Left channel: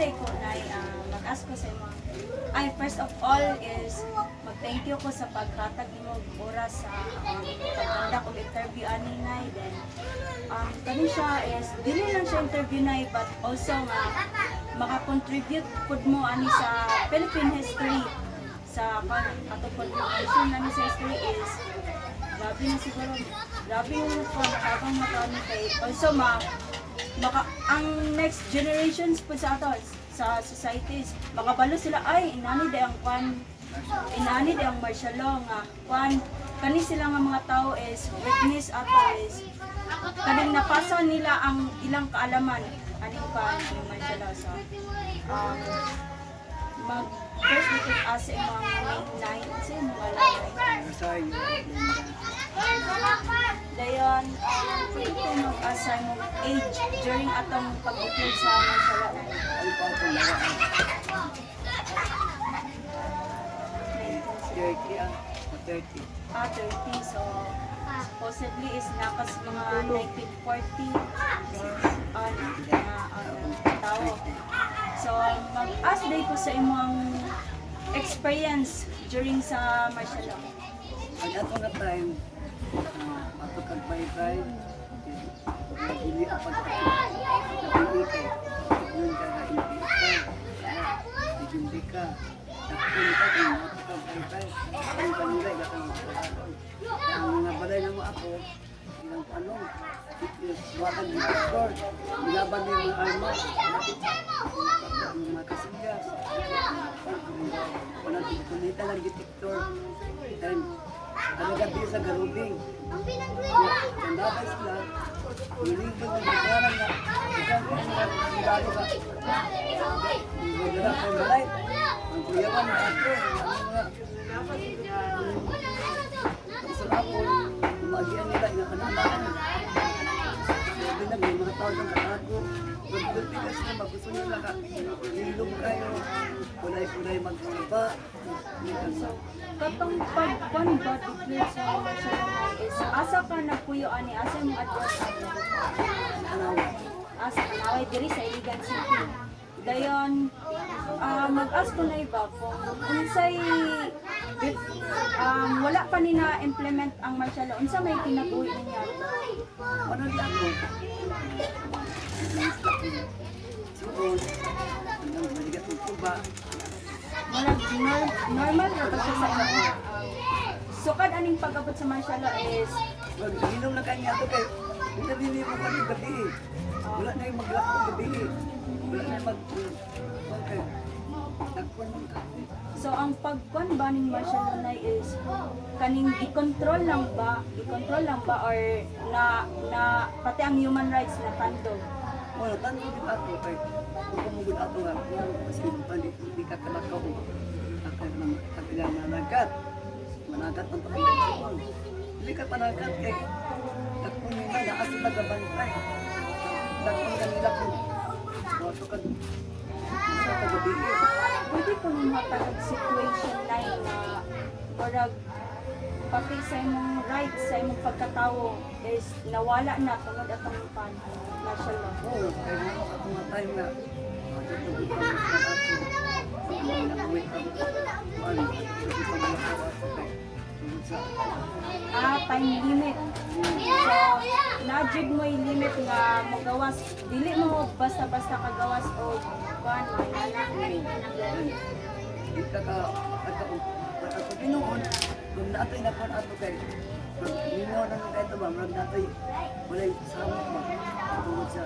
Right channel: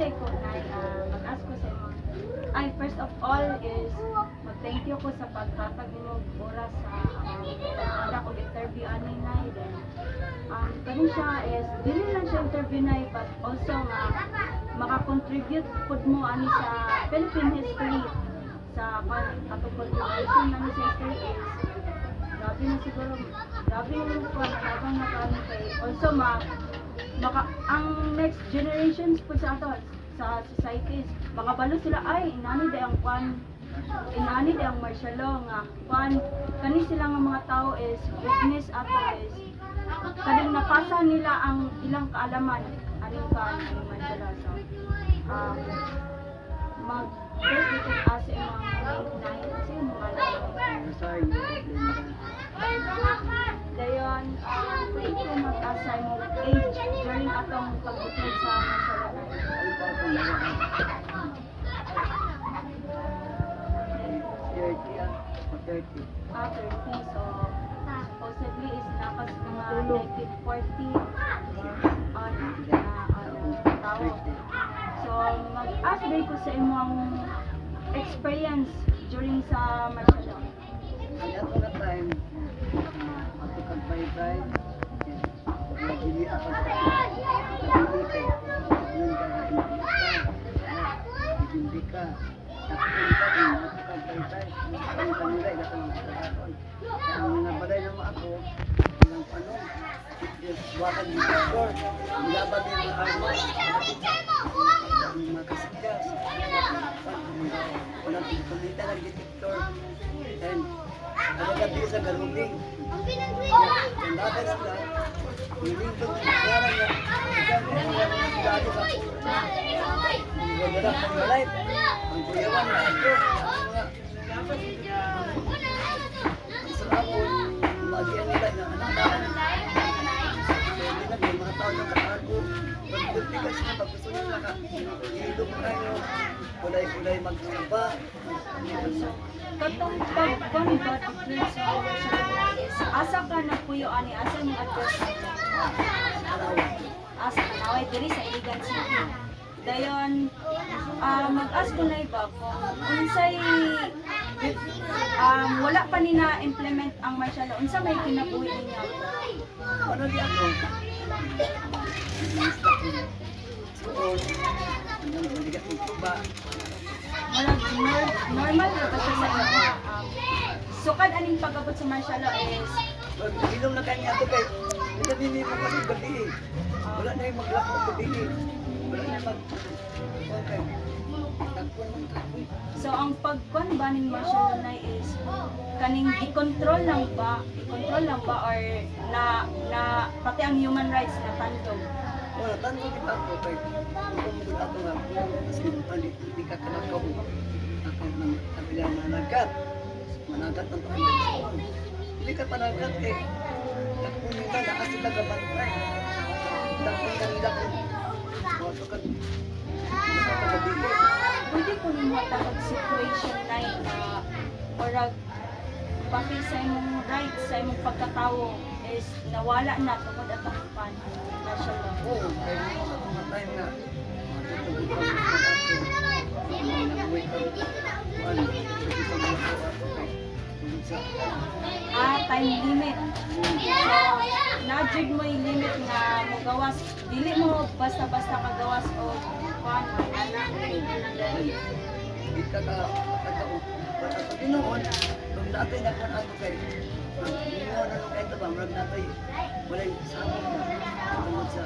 day ko na mag-ask ko sa imo. Ay, first of all is mag-thank you ko sa paghatag nimo og oras sa pagkanda ko interview ani nay. Then kani siya is dili lang siya interview nay but also nga maka-contribute pud mo ani sa Philippine history sa atong contribution nami sa history is grabe na siguro, grabe yung pagkakang nakani kay also ang next generations po sa ato sa societies makabalo sila ay inani day ang inani day ang martial law nga kani sila nga mga tao is witness ato is kaning napasa nila ang ilang kaalaman aning yung martial law so first we can ask yung mga main nine sa mga dayon pwede ko mag-assign age during atong pag-upload sa martial law 30 so supposedly is napas mga 1940 tao so mag-ask day ko sa imong experience during sa martial law. Ay ako nga time ako kagbaytay hindi ako nag-iipay yun ka na hindi ka ang kanilay ang mga balay naman ako ilang panong wakan di doktor nilaban yung mga armas ang mga kasigas panagpunita ng detektor and ano gabi sa garubing ang dapat sila hiling ko ng pagkaran na sabi ang sigado ka ang gagara ng balay ang kuyawan na ako ang sarapon magian nila inaanak sabi na may mga tao ng katago pagdupikas na pag-gusto nila ka hilong kayo kulay-kulay magkaba katong pag-convert sa martial law is asa ka nagpuyo ani asa yung address asa naway diri sa Iligan City dayon mag-ask ko na iba kung unsay wala pa ni na-implement ang martial law unsa may kinabuhi niya ano di ako suod ang naligat ng tuba normal na kasi sa inyo sukad aning pag-abot sa martial law is hilong na kanya ito kay hindi nili mo pa yung gabi wala na yung maglako ng gabi wala na yung okay so ang pagkuan ba ng martial law na is kaning i-control lang ba or na pati ang human rights na tandog wala tanto din ako kay kung mugod ato nga kasi hindi ka kanakaw ako nang kapila managat ng pagkakas hindi ka panagat kay dakong nila naas sila gabantay dakong kanila kung wato ka gabi pwede ko nung matagag situation na parang pati sa imong rights sa imong pagkatao is nawala na tungod at ang martial law. Oo, kaya ako nga time nga matutugod ka mo sa ato nakuwi ka mo matutugod ka mo sa ato kay tungod sa time limit. So, na-jig mo yung limit nga magawas. Dili mo basta-basta kagawas o pan. Hindi ka Pinoon, kung natin na kung ato kay Pinoon ano kay ito ba, marag natin walay sama mo tungod sa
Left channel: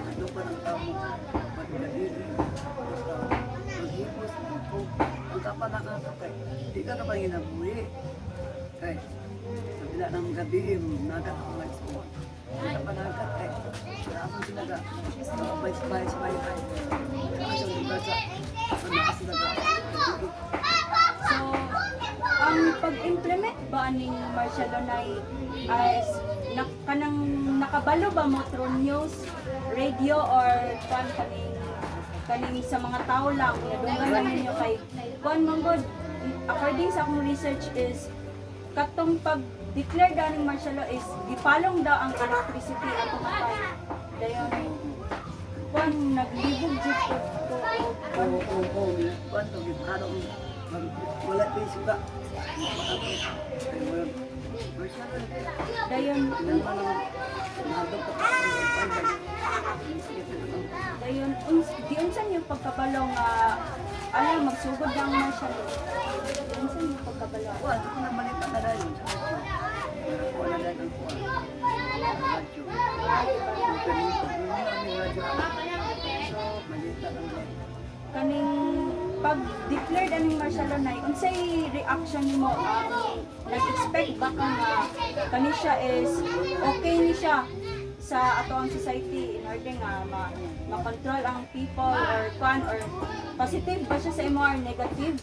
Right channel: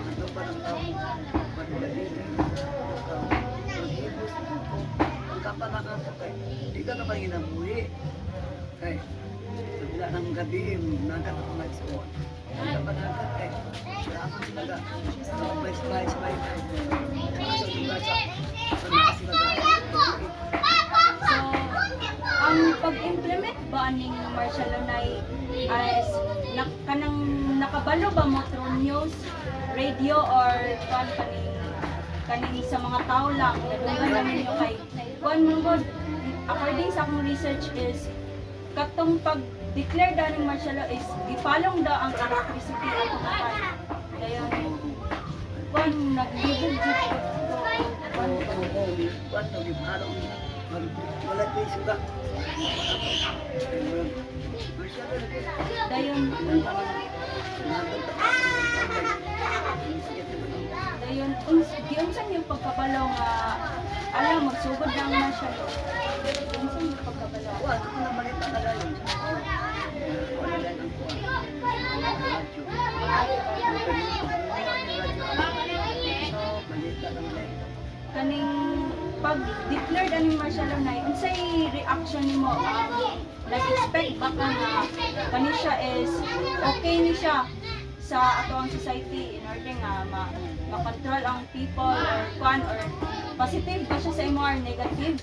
ano pa ng tao pagdalili ng tao maghibos ito ang kapalakan ito kay hindi ka kapag ginabuhi kay sa bila ng gabi nagat ako may suwan ang kapalakan kay kaapon sila ka spice ang lugar sa nakas sila ka ang pag-implement ba ning martial law na is kanang nakabalo ba mo through news, radio or kaning sa mga tao lang nadunggan lang ninyo kay kuan mong according sa akong research is katong pag-declare daw ng martial law is gipalong daw ang electricity at patay dayon kuan naglibog jud ko kwarto, di araw, wala ko yung suga. Ay, walang, masyado na kaya. Dayon, Nandang tapos, sakit na ba dayon, giunsan yung pagkabalaw nga, alam, magsugod na ang masyado. Giunsan yung pagkabalaw. Kuha, ako na balita na dayon. Kuha na dayon ang kuha. Radyo. Yung kanito, yung radyo ako. So, balita lang dayon. Kaning pag-declared ang martial law na, unsay reaction nimo? Nag-expect ba ka nga kani siya is okay ni siya sa ato ang society in order nga ma-control ang people or kwan or positive ba siya sa imo or negative?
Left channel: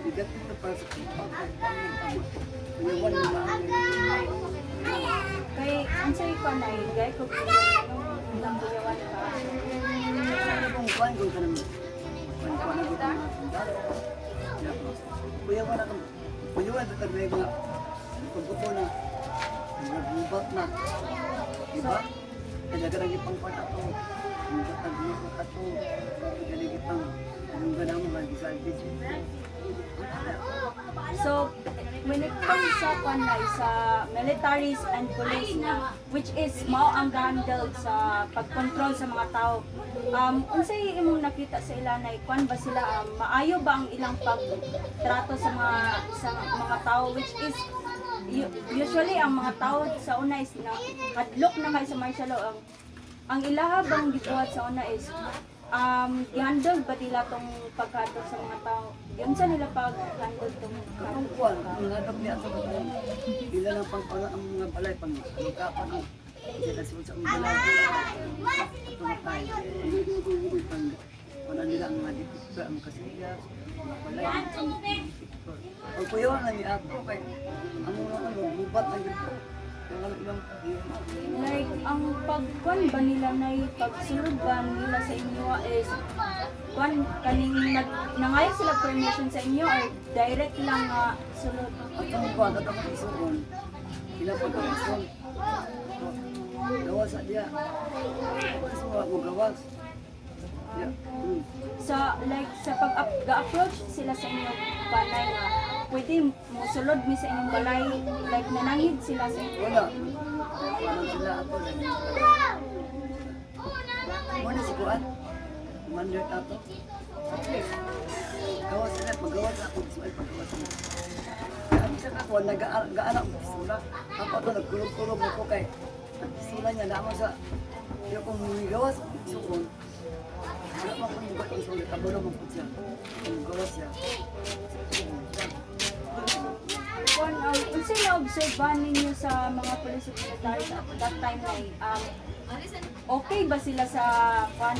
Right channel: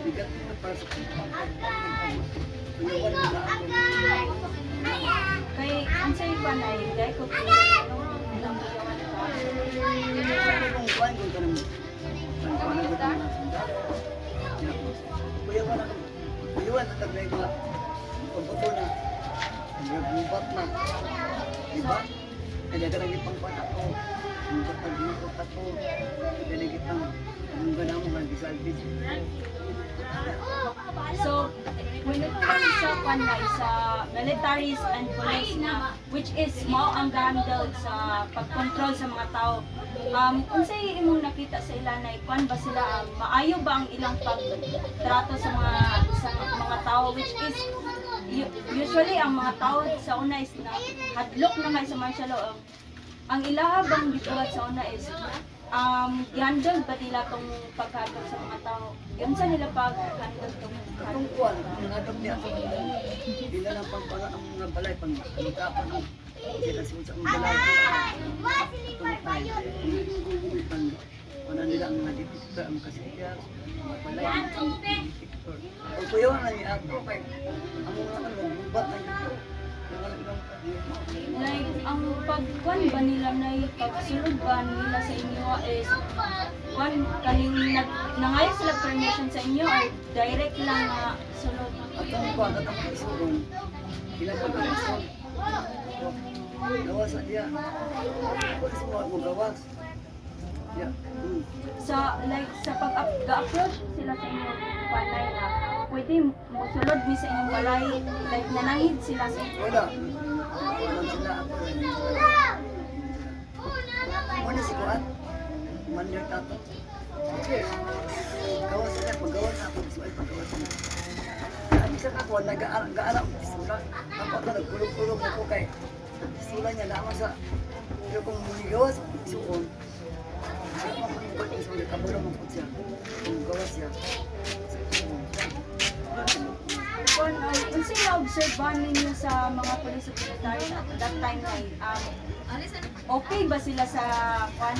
Bigat na para sa people. Kuyawan nila ako. Kay unsay kwan ay dai ko nang buyawan ka. Kung kuhan kung kanang kuhan na gutang mga sundalo. Kuyawan na kami. Kuyawan sa tabi mga pagbuto na. Nagbubat na. Diba? Kaya ka nang ipangkuhan ako. Ang kapag-ito ako. Kaya nang ipang yung ganang mga disalvage. So, when it comes sa kwanay, sa militaries and police na, which is mao ang handle sa pagkontrol sa mga tao, unsay imong nakita sa ilanay, kwan ba sila, maayo ba ang ilang pagtrato sa mga tao, which is, usually ang mga tao sa una is na hadlok na kayo sa martial law, ang ilaha bang gibuhat sa una is, i-handle ba nila tong pagkatong sa mga tao? Yun sa nila pag-handle tong Kapag kuhan, ang hadap niya sa mga sila lang pangkuhan ang mga balay, pang-alukapan ang sila sa mga balay. Ito na tayo. Pang nila ang mga dipikta, ang kasiyas, mga balay, ang dipiktor. Ang kuyawan na niya ako, kay ang mga magbubat na yun. Yung mga ilang like, ang pagkuhan ba nila na pagsulod ba nila sa inyo is kwan, kaning nangayo sila permission sa inyo or direct lang nga sulod? at ang kuhan at ang isuon, pinapagkawason. Gawas na diya. Gawas mo gawas. Yeah. Sa like sa pag-approach sila sa inyo balay nga pwede musulod mi sa inyong balay like nanangid sila sa inyo. Wala. Walang sila ako. Muna si Kuan. Mandir tato. Okay. Gawas sila. Paggawas ako. Suay paggawas mo. Sabi sa ako, nag-aala ko pisula. Ako ito, nagkulog-kulog ako kay pisula niya naman sa iyo kung gawas suon. Wala pa kung bukat yung sulit. Kabalo mo po siya. Kung gawas siya. Kung unsay na-observe ba ninyo sa mga police at military at that time like okay ba sila sa kwan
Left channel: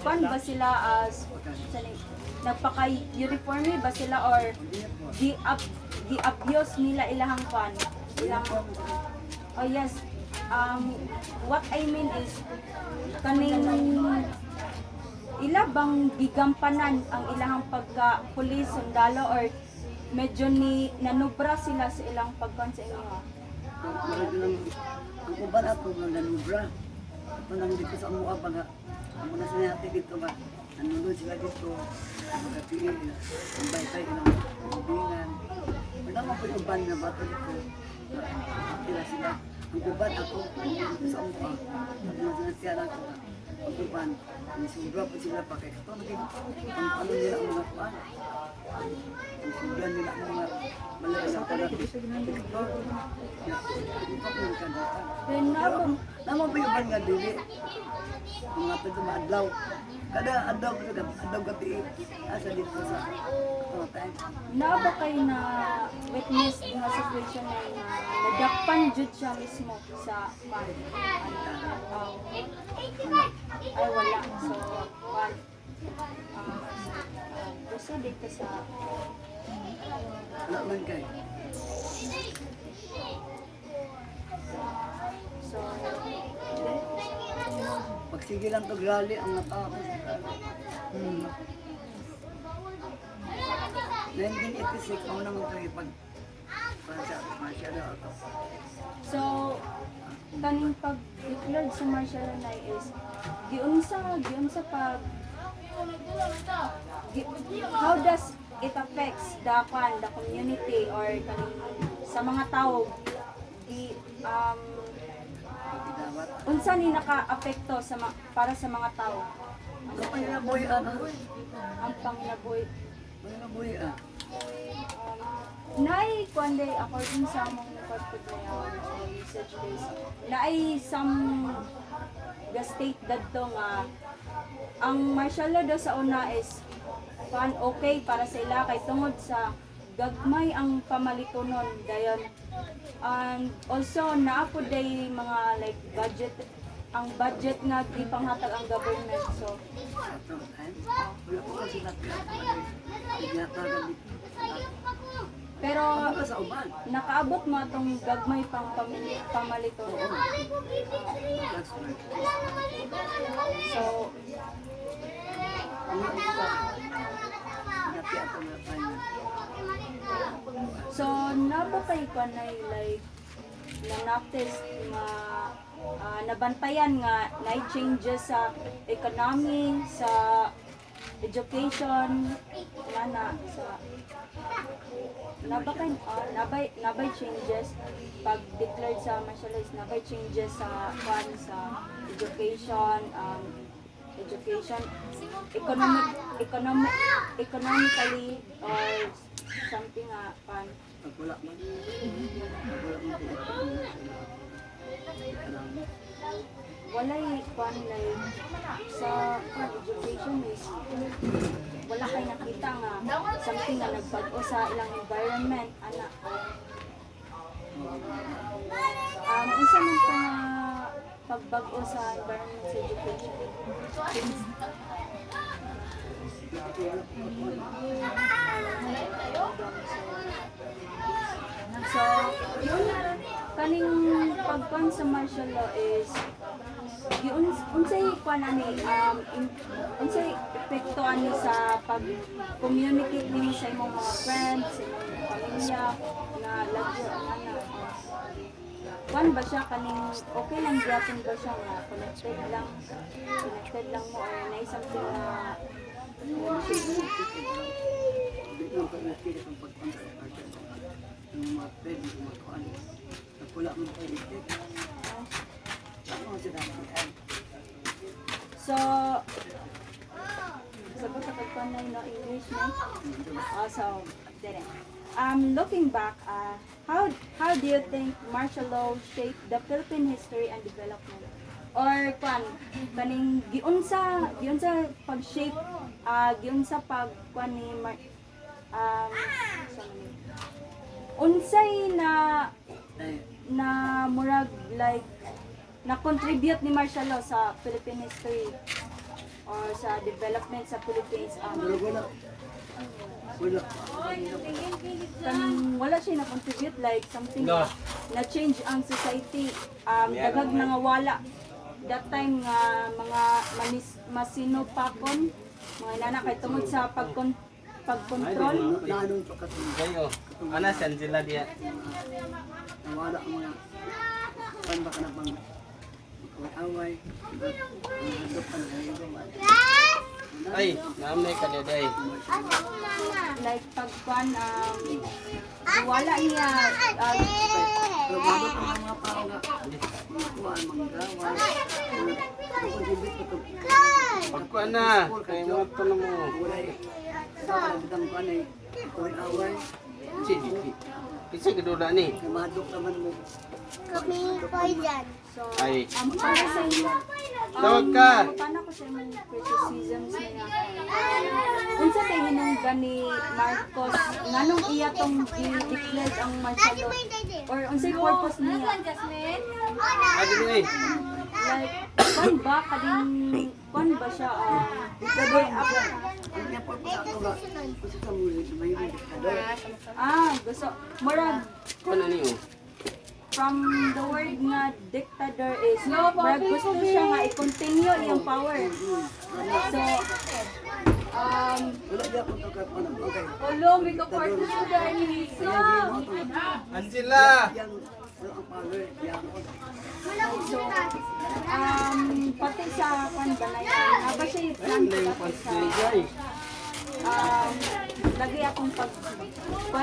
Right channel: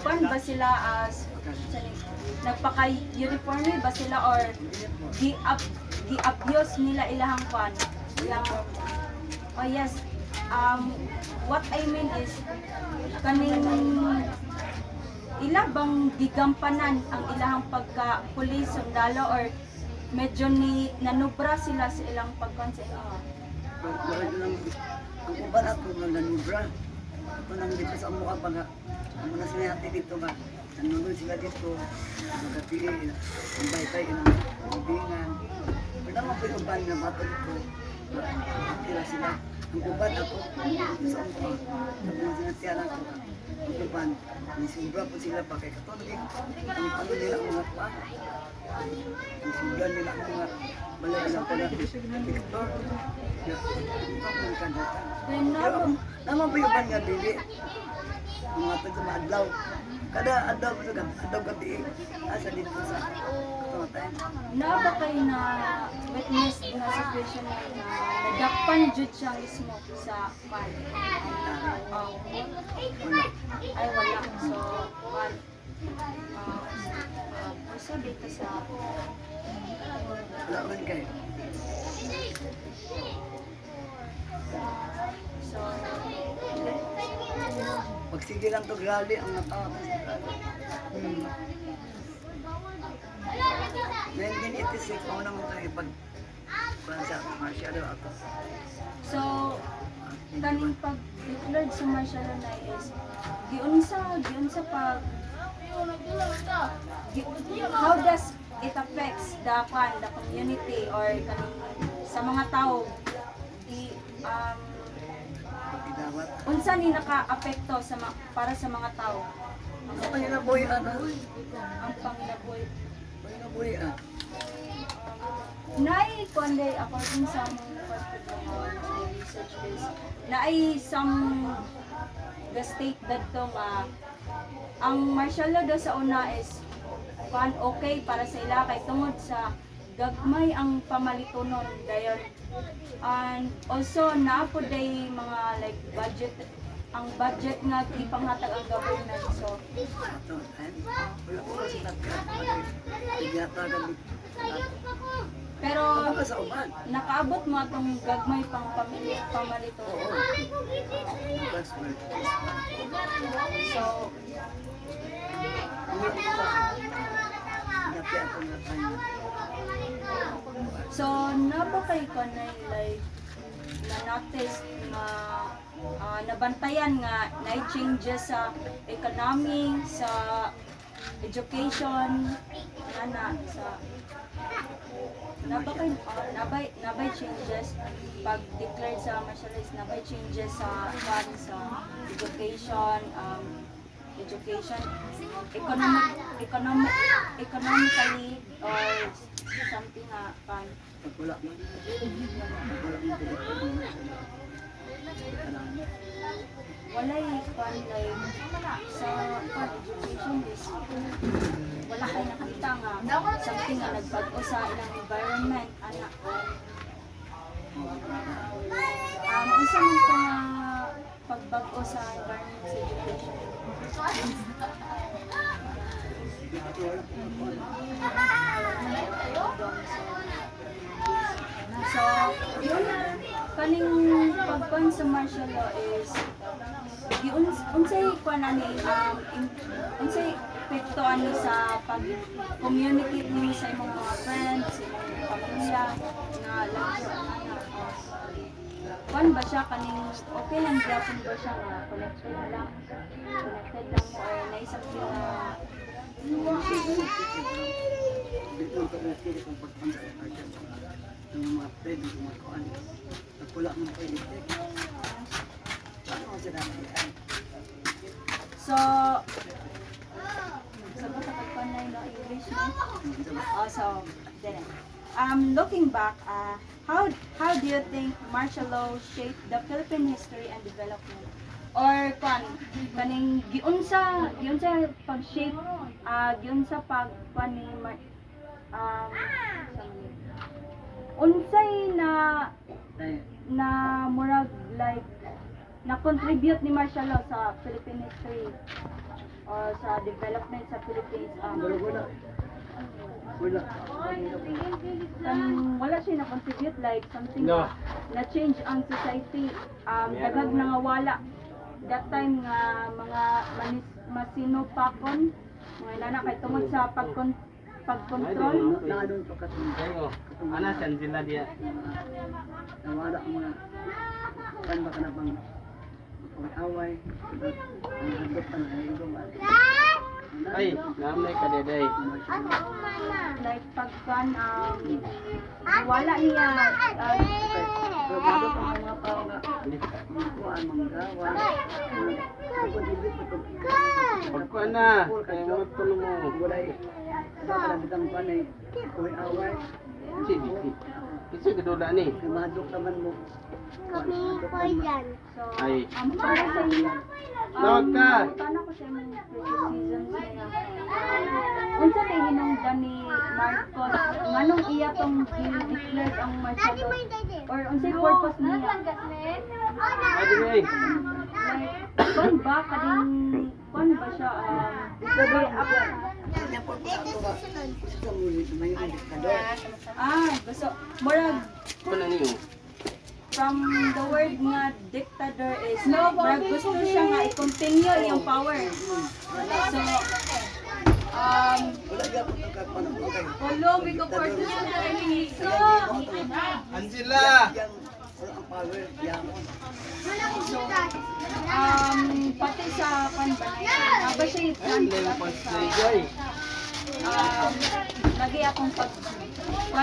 kwan ba sila as nagpaka-uniforme ba sila or di-abuse nila ilahang kwan ilang oh yes what I mean is kaning ila bang gigampanan ang ilahang pagka-police sundalo or medyo ni nanubra sila sa ilang pagkon sa inyo? Marami lang, ang kuban ato nga nanubra. Ito nang dito sa mukha pa nga. Ang muna sinihati dito nga. Nanunod sila dito. Magkatiin. Ang baytay ng kubingan. Wala mo po yung ban na bato dito. Sila sila. Ang kuban ato sa mukha. Ang mga sinasyalan ko nga. Ang kuban. Nisubra po sila pa. Kaya ito ang ano nila ang mga pa. Ang sudan nila ang mga malaya ko na Victor. Ito ko ng kandata. Naman po yung ban nga dili. Mga pagkumaadlaw. Kada adlaw po sa adlaw gabi asa dito sa katamatayan. Naa ba kayo na witness na situation na nadakpan jud siya mismo sa pan? Wala. Ay wala. So, pan. Proceed dito sa Wala man kayo. so Pagsige lang to rally ang natao ko sa rally. 1986 ako nang tayo pag sa martial law ako. So, kaning pag-declared sa martial law na is giunsa pag how does it affects the community or sa mga tao di Pagkidawat. unsa ni naka-apekto sa para sa mga tao Kapag yun na boy, ang panglaboy. boy, Naay kundi according sa mga research base, naay some the state dadto nga ang martial law daw sa una is okay para sa ila kay tungod sa gagmay ang pamalitunon dayon, and also naapod day mga like budget ang budget nga gipanghatag ang government, so wala ko kasi nagtatagan pero ka sa uban. nakaabot mo atong gagmay pang pamalitunon. That's right. So So, naba kay ko na like na-notice nga nabantayan nga na changes sa economy, sa education, sa nabay changes pag declared sa martial arts, nabay changes sa education, economically or something pan Wala man. Wala man walay kwan like sa education is wala kay nakita nga something nga nagbago sa ilang environment ana unsa man ka pagbago sa environment sa education. So, kaning pagkuan sa martial law is unsay kuan ani unsay epekto ani sa pag communicate mo sa imong mga friends, sa imong pamilya nga lagyo kuan ba siya kaning okay lang gyapon ba siya nga connected lang mo or na something na Dito ang pagkakita ng pagpunta sa party ng mga pwede mga kuan. Wala man po electric. Ano ang sinabi? so sabi sa pagpanay na English no? So then looking back, how do you think martial law shaped the Philippine history and development? Or kaning giunsa pag-shape giunsa pag ni unsay na murag like na contribute ni martial law sa Philippine history or sa development sa Philippines Wala. wala siya na contribute like something na change ang society, dagag na nga wala that time nga mga masinupakon mga inana kay tungod sa pagkontrol Nanong pagkatin. Kayo, anasan sila diya? Nawala ang mga kan ba ka nagbang away. Ang handot pa ng haligaw. Ay, namay ka deday. like pagkuan wala niya Nagado pa ang mga tao nga kuhaan manggawa. Contribute ito. Magkuha na, kaya mga tulong mo. Wala dapat ang bitang kuhaan ay away. Kasi gaduda ni. Madok naman mo. so Ay. para sa inyo Tawag ka. paano ko sa mga criticisms nila unsa kay hinungdan ni Marcos nganong iya tong gi-declare ang martial law or unsay purpose niya Adi mo eh. like kwan ba siya Kanya po sa ato nga. Gusto sa mga may diktador. gusto murag Ano niyo? from the word nga dictator is murag gusto siya nga i-continue iyang power so Wala diya po ito kakuhaan. Okay. Diktador. Angela! Yang wala ang power. Yang So, pati sa kanbanay, ba siya yung plan Ay, ko hindi mo dati sa, pansay. lagi akong pan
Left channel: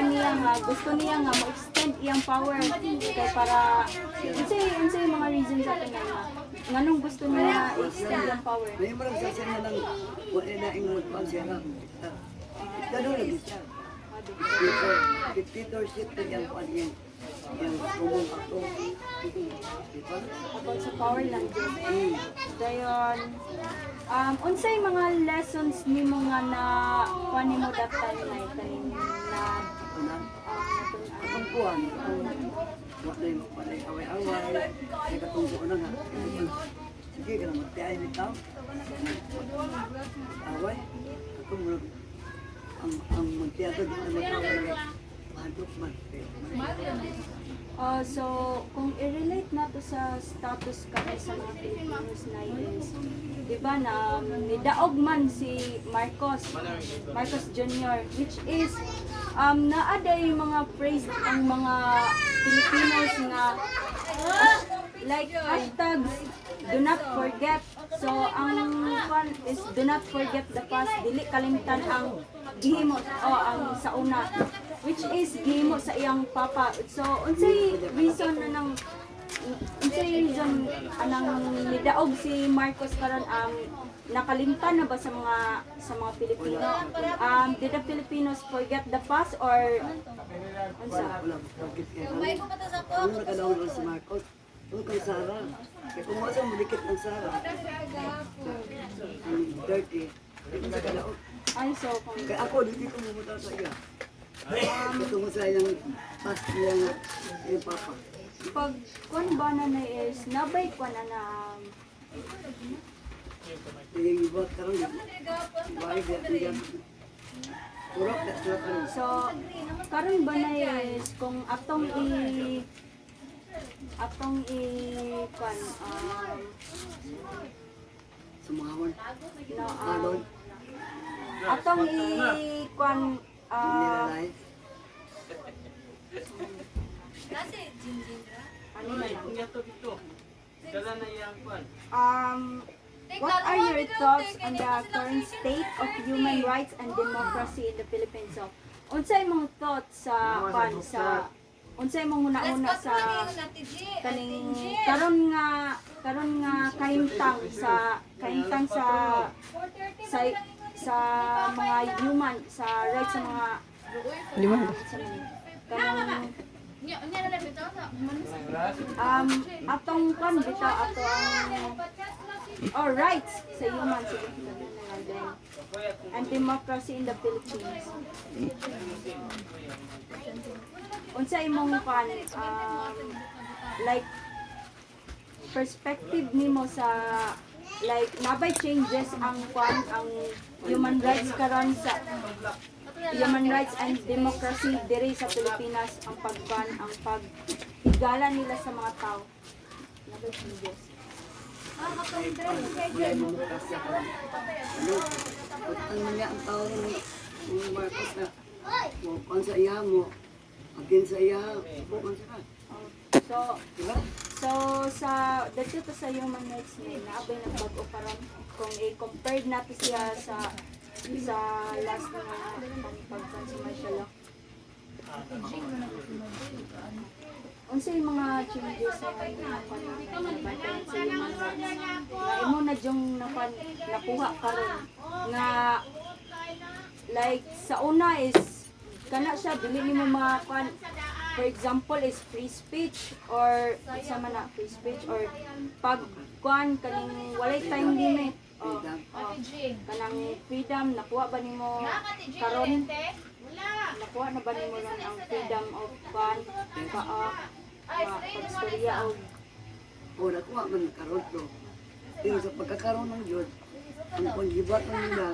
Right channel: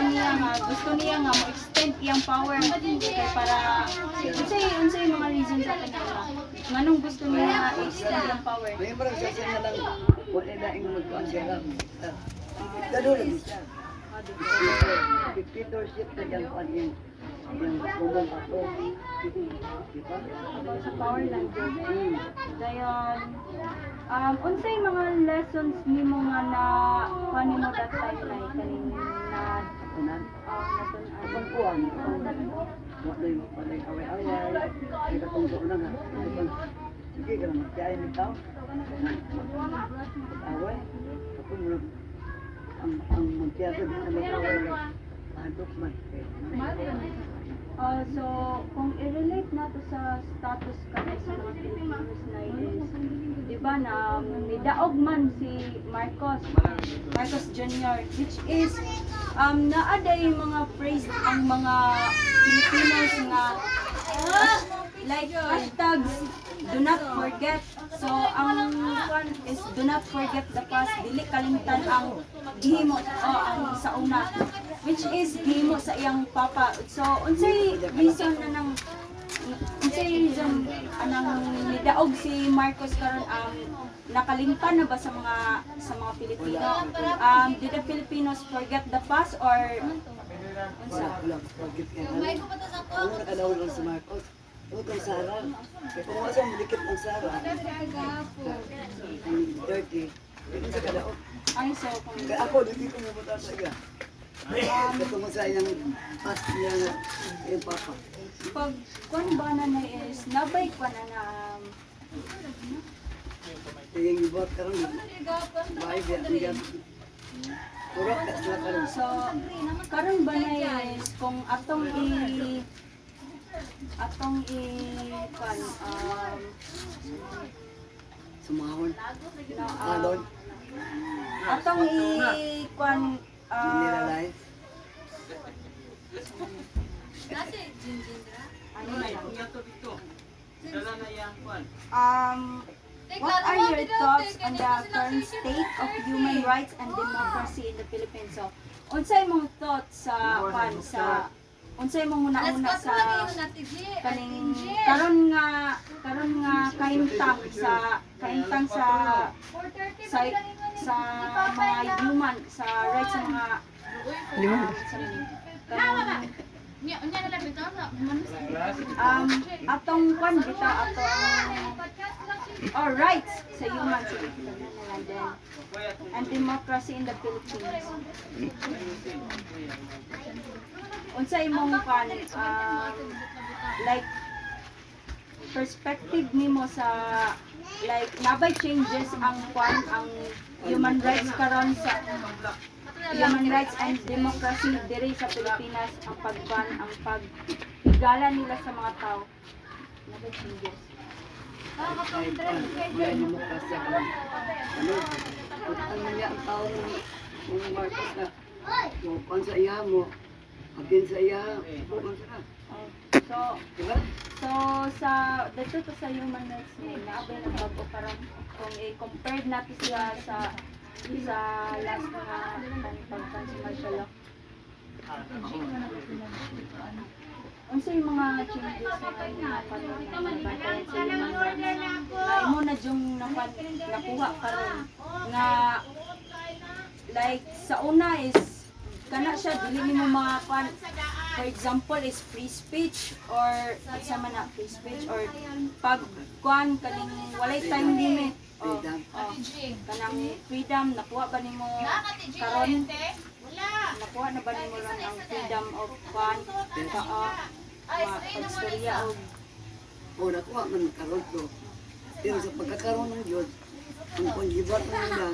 niya nga, gusto niya nga mo-extend iyang power kay para, unsay mga reasons sa kanya nga, nganong gusto niya i-extend iyang power. May marang siya na lang, wala na yung magkuhan siya lang. Gano'n lagi siya. 52 shit na yan kuhan yung kumong ato. Diba? About sa power lang dyan. Dayon, unsay mga lessons nimo nga na kuan nimo that time na kaning na Kunan. Kapag kuhan, wala yung away-away. May katungko na nga. Sige ka na magtiyahin ni tao. Away. Kapag mo ang magtiyato di na mag-away na handok man. So, kung i-relate na to sa status kami sa mga Filipinos na is, di ba na nidaog man si Marcos Jr., which is, naada yung mga praise ang mga Filipinos nga, like hashtags, do not forget. So, ang one is do not forget the past, dili kalimtan ang gihimo ang sa una, which is gihimo sa iyang papa. So, unsay reason na nang unsay reason anang nidaog si Marcos karon nakalimtan na ba sa mga Pilipino? Did the Filipinos forget the past or unsa? Wala, bakit kaya kami? Ano nakadawal lang si Marcos? Huwag kang Sara. Kaya kung wasa mo dikit ng Sara, ang dirty, hindi sa kadaog. Ano so kung Kaya ako, hindi ko mabuta sa iya. Katungkol sa iyang past niya nga, yung papa. pag kuan ba na is nabay kuan na Yung ibot karang bahay biya, biya. Purok, that's not ano. so karon ba na is kung atong kuan Sumahon, no, alon, atong kuan nilalay. ano na lang. Dala na yang kwan. What are your thoughts on the current state of human rights and democracy in the Philippines? So, unsay mong thoughts sa unsay mong una-una sa kaning karon nga kahimtang sa sa mga human sa rights sa mga atong kwan bitaw ato ang rights sa human sige and then and democracy in the Philippines. Unsa imong kwan like perspective nimo sa like nabay changes ang kwan ang human rights karon sa human rights and democracy diri sa Pilipinas ang pagban ang paghigala nila sa mga tao nabay changes. Yan yung kasi ako. Ano, utang na niya ang tao ng Marcos na mupan sa iya mo, agin sa iya, bukan sa ka. So Diba? so sa dito to sa human rights ni naabay ng bag-o karon kung i-compare natin siya sa last nga pagpan sa martial law. Unsay mga changes na nabantayan sa human rights nga imo na jung nakuha karon nga like sa una is kana siya dili nimo makuan for example is free speech or sa man na free speech or pag kuan kaning walay time limit kanang freedom nakuha ba nimo karon nakuha na ba nimo lang ang freedom of kuan pagstorya og O nakuha man karon to. Pero sa pagkakaroon ng Diyos, ang panggibat ng nila,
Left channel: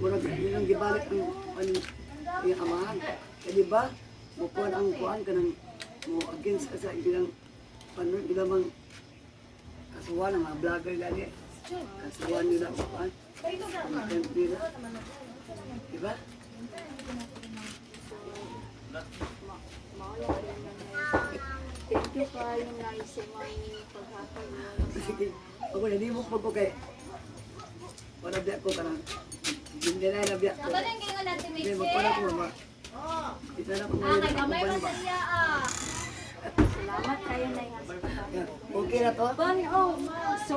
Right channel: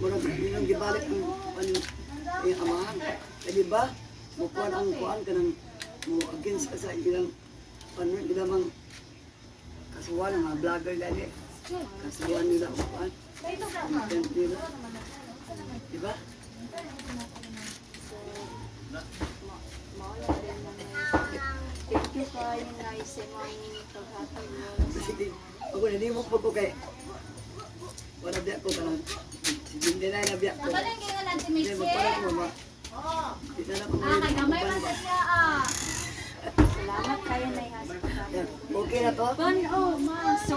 murag nilang gibalik ang amahan. Kaya diba, mukuhan ang kuhan ka ng mo against ka sa ilang ilang kasuhan ng mga vlogger gani. Kasuhan nila kuhan. Content nila. Diba? thank you kay kayo na sa imong paghatag mo oras sa Sige, ako hindi mo po ko kay wala biyak ko kanang hindi na nabiyak ko. Hindi magpala ko mama. Isa na ko ngayon ako ba ba? Salamat kayo na ha sa paghatag. Yan, okay na to? Bon, oh, so